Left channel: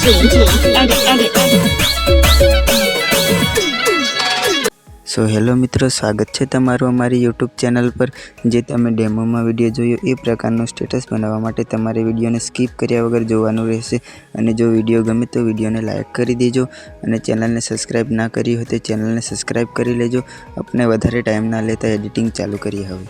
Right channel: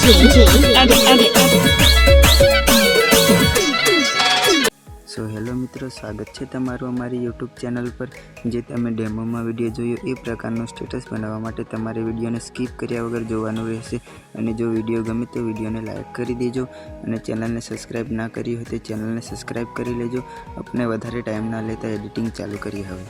So hello मित्रों, स्वागत है तमारू अमारी यूट्यूब चैनल पर। जे तमे डेमो में विडियो जोयो ए प्रकारनो स्टेटस बनावा माटे तमारे विडियो ने स्कीप कर्या वगर जोवानुं रहेशे। अने जो विडियो गमे तो विडियो ने लाइक करी देजो अने चैनल ने सब्सक्राइब ना करी हो तो चैनल ने सब्सक्राइब करी लेजो। अपने वधारे टाइम ना लेता एडिटिंग चालू करी हवे।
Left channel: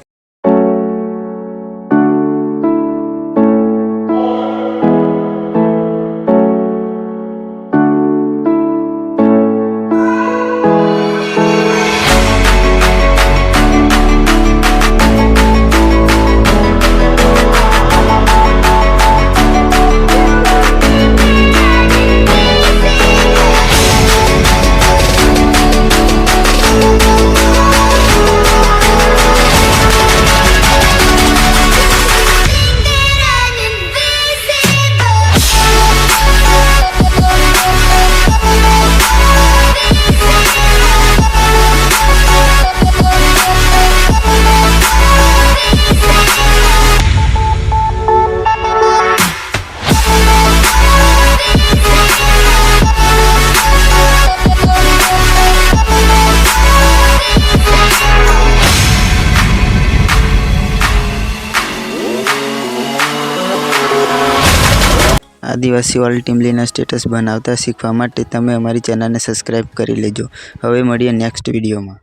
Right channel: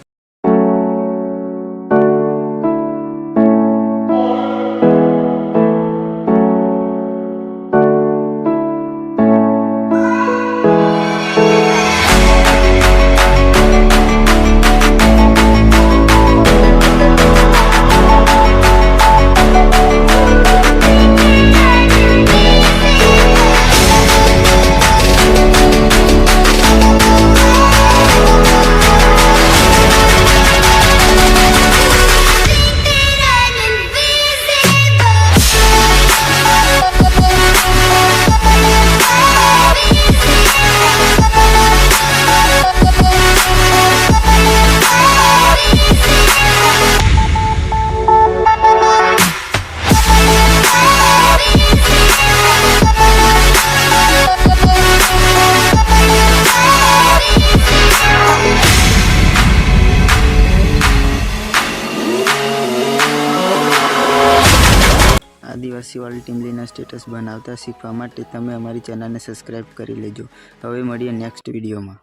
आदिवासी वाली टीमलीना स्टेटस बनावता शीखवा माटे तमे अमारी चैनल ने सब्सक्राइब करी लेजो। हवे मळीए नेक्स्ट विडियो में।